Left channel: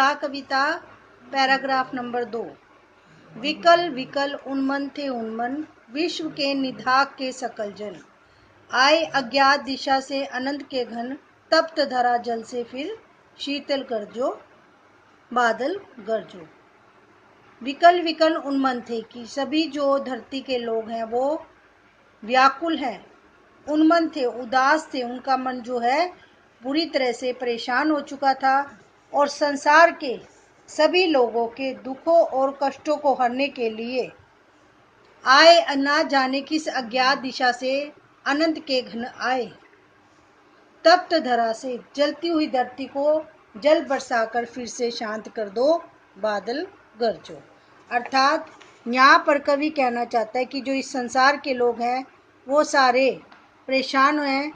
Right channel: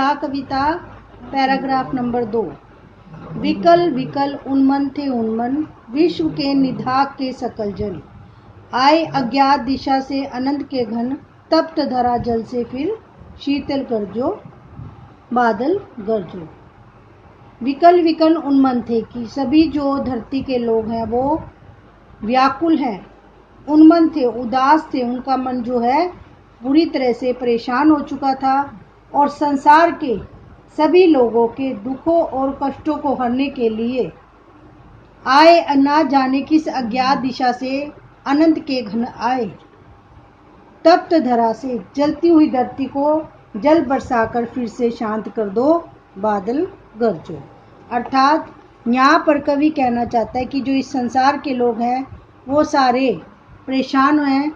सा कविता paragraph number 2। विकल विकल उन्मन थे उन्मन, विश्व के निधाक के सकल जल। आए अज्ञात दिशा से अनंत के घन, तप्त धरा जल से फिर शीतल गरजो, बादल गरजो। विकल विकल उन्मन थे कि सभी जो धरती के लोग हैं वो व्याकुल हैं, उन्मन थे, उदास थे। उनका मन जो है बुरी तरह से परेशान हो चुका था और संसार के सभी लोगों के दुखों और कष्टों को हरने के लिए आए, न जाने किस अज्ञात दिशा से अनंत के घन आए। तप्त धरा से, जलती हुई धरती को जल बरसाकर फिर से शांत कर दो, बादल गरजो। अर्थात यहाँ पर कवि कहना चाहता है कि जो इस संसार के लोग हैं वो सारे परेशान हैं,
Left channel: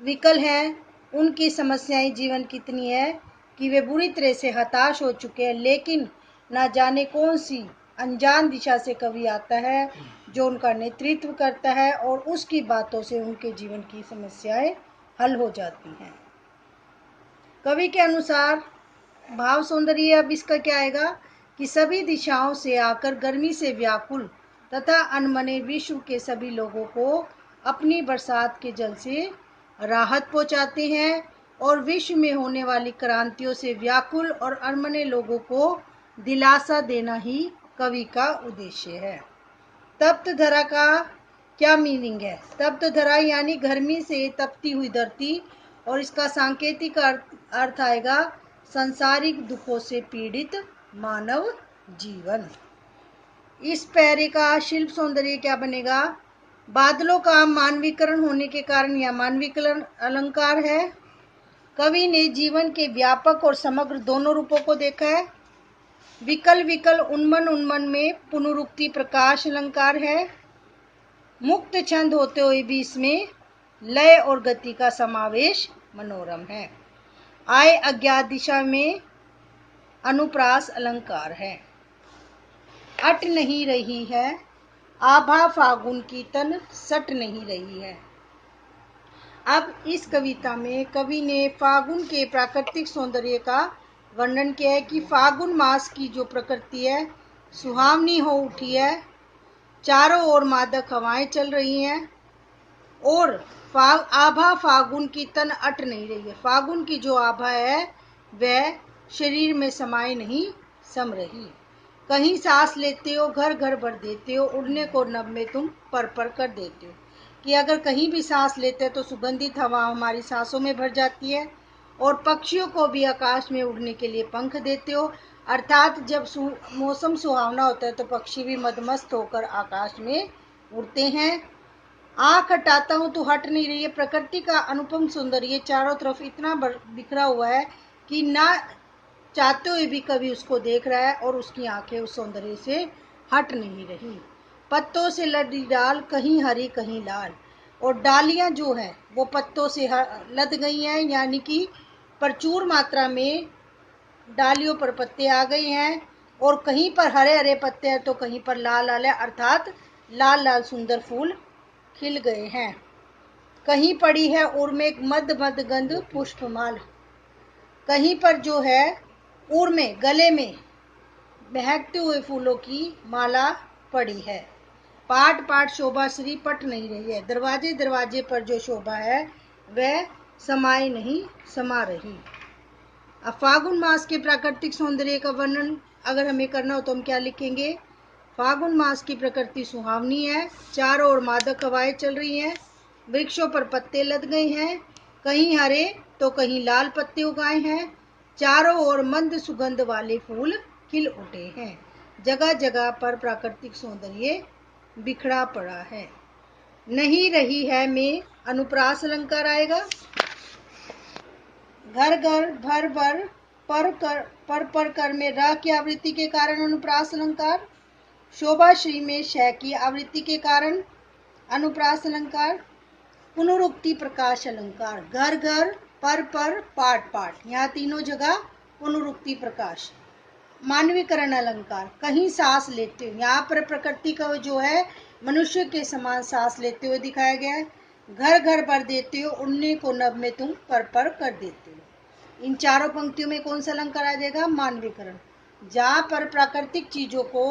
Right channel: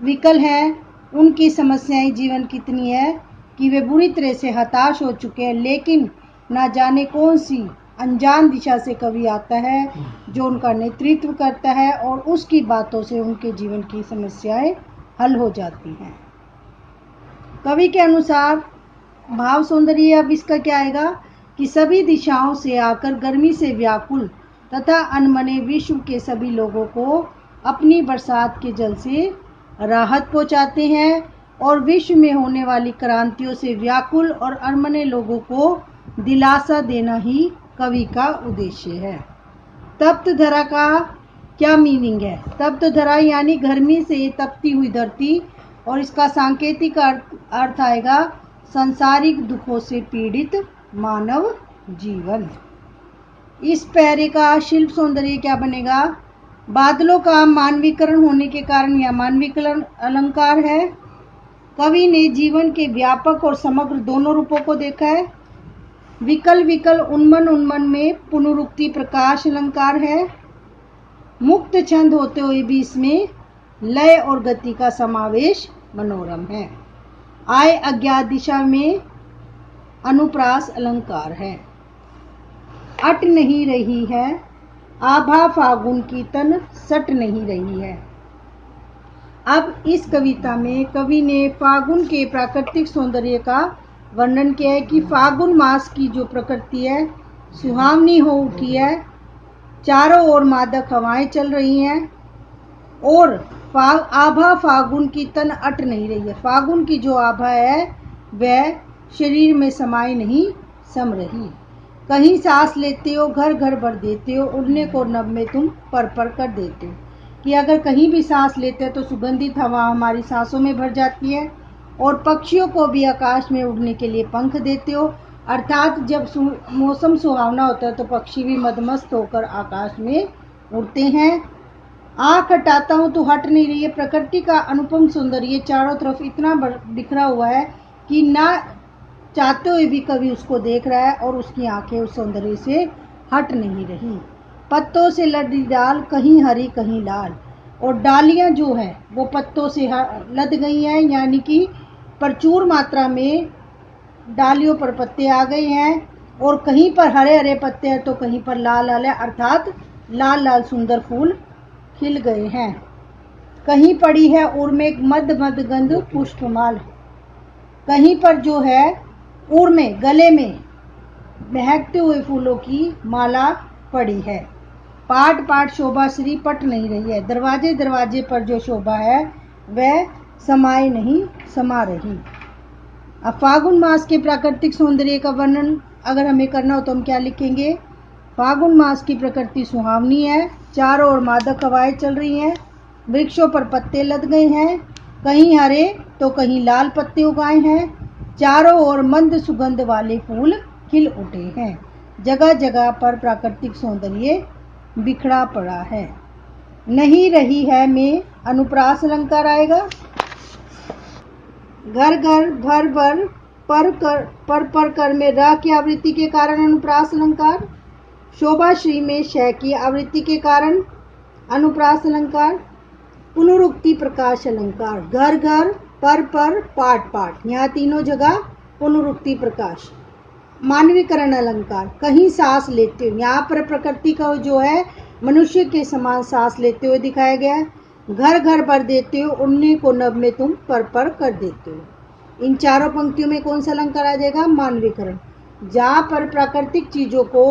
विकल हैं। उनकी समस्याएं जीवन कितनी है कि वे बुरी तरह से हताश हो चुके हैं, लेकिन ना जाने कौन सी अनजान दिशा से कवि आता है जो उनका नेतृत्व करता है और उसकी बातों से उनके जीवन की समस्याएं हल हो जाती हैं। कवि के अनुसार भाव सौंदर्य अब इसका क्या आएगा कि सभी दिशाओं से आकर गर्मी से व्याकुल तथा अनमने विश्व के सभी लोगों को अपनी बरसात के जल से राहत पहुंचाते हैं और विश्व में होने वाली क्रांतियों से व्याकुल और अनमने लोगों को दिलासा देना ही कवि का उद्देश्य है। तप्त धरा का क्या मीनिंग है? तप्त धरा यानी गर्मी से तपती हुई धरती, और इसका सांकेतिक अर्थ आएगा सांसारिक दुखों से पीड़ित मानव जीवन। इस पैरे का शिल्प सौंदर्य क्या बनेगा? बादलों का मानवीकरण होने के कारण यह मानवीकरण अलंकार है। कवि ने जीवन के व्यापक और समग्र दोनों रूपों को देखा है। विकल विकल उन्मन, उन्मन में पुनरुक्ति प्रकाश अलंकार है। मुक्त छंद होते हुए भी इसमें लय और गति का समावेश मनोरम है। आए अज्ञात दिशा में अनुप्रास अलंकार है। अट नहीं रही है आभा फागुन की तन, सट नहीं रही है। अब इस कविता में कवि ने फागुन के प्राकृतिक सौंदर्य का वर्णन किया है कि फागुन मास की जो प्रकृति है सुहावनी हो उठी है, चारों ओर मादक हवाएं चल रही हैं और आभा फागुन की तन अट नहीं रही है। फागुन की जो आभा है वह शरीर में समाये नहीं सम रही। कहीं सांस लेते हो घर घर भर देते हो, उड़ने को नभ में तुम पर पर कर देते हो। कि अगर कहीं भी सांस लेते हैं तो सुगंधित हवा हमारी सांसों में भर जाती है और पक्षियों को भी आकाश में उड़ने के लिए पंख देते हो। अर्थात जब मौसम सुहावना होता है तो पक्षी भी मदमस्त होकर आकाश में उड़ते हैं। आँख हटाता हूँ तो हट नहीं रही है। प्रकृति का अनुपम सौंदर्य चारों तरफ इतना बिखरा हुआ है कि ना चाहते हुए भी कवि उसको देख रहा है और उसकी आंखें उस सौंदर्य से हट नहीं रही। पत्तों से लदी डाल, कहीं हरी कहीं लाल, और डालियां जो है वो पत्तों से लद गई हैं, यानी कि प्रचुर मात्रा में डालियों पर पत्ते आ गए हैं और कहीं पर हरे हरे पत्ते हैं तो कहीं पर लाल लाल है, अर्थात लाल लाल सुंदर फूल खिल गए हैं। कहीं पड़ी है उर्मे मद मद गंध पुष्पमाल, कहीं पर जो है उर्मे गले में महकते हुए फूलों की माला पड़ी है। पाट पाट शोभा श्री पट नहीं रही है। दरवाजे दरवाजे पर जो शोभा है वह समाये नहीं समा रही। अब फागुन मास के प्राकृतिक सौंदर्य का वर्णन अगर हमें करना हो तो हम क्या लिखेंगे? फागुन मास की प्रकृति सुहावनी है, चारों ओर मादक हवाएं चल रही हैं, वृक्षों पर पत्ते लद गए हैं, कहीं हरे तो कहीं लाल पत्ते उगाए हैं, चारों ओर मंद सुगंध वाले फूल खिल उठे हैं। जगह जगह पर प्राकृतिक सौंदर्य बिखरा पड़ा है। नहीं रही है में अनुप्रास अलंकार आएगा। घर घर भर भर पर कर में र की आवृत्ति के कारण अनुप्रास अलंकार। शोभा श्री में श की आवृत्ति के कारण अनुप्रास अलंकार। पुनरुक्ति प्रकाश अलंकार। घर घर पर पाट पाट, यहाँ तीनों जगह पुनरुक्ति प्रकाश। मानवीकरण अलंकार। कहीं सांस लेते हो, यहाँ पर प्रकृति का जो है मनुष्य के समान सांस लेते हुए दिखाया गया है। घर घर भर देते हो, उड़ने को नभ में तुम पर कर देते हो। इन चारों पंक्तियों में कौन सा अलंकार आ जाएगा? मानवीकरण। जहाँ पर प्राकृतिक चीजों को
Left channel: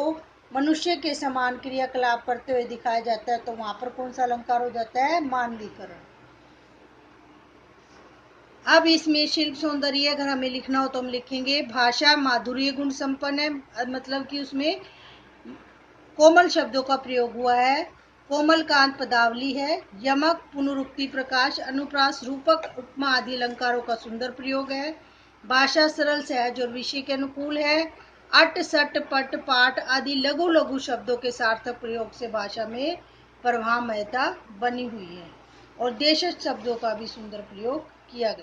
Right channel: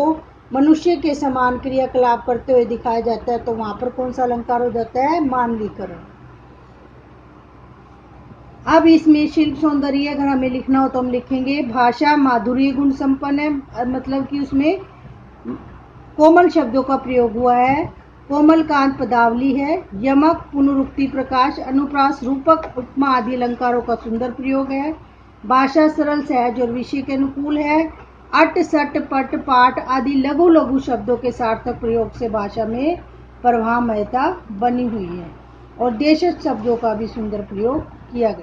मनुष्य के समान क्रियाकलाप करते हुए दिखाया जाता है तो वहां पर कौन सा अलंकार हो जाता है? मानवीकरण। अब इसमें शिल्प सौंदर्य अगर हमें लिखना हो तो हम लिखेंगे भाषा माधुर्य गुण संपन्न है, मतलब कि उसमें कोमल शब्दों का प्रयोग हुआ है, कोमल कांत पदावली है, यमक पुनरुक्ति प्रकाश अनुप्रास रूपक उपमा आदि अलंकारों का सुंदर प्रयोग है, भाषा सरल सहज और विषय के अनुकूल है, अट सट पट पाठ आदि लघु लघु शब्दों के सार्थक प्रयोग से भाषा में प्रवाहमयता बनी हुई है और देशज शब्दों का भी सुंदर प्रयोग किया गया।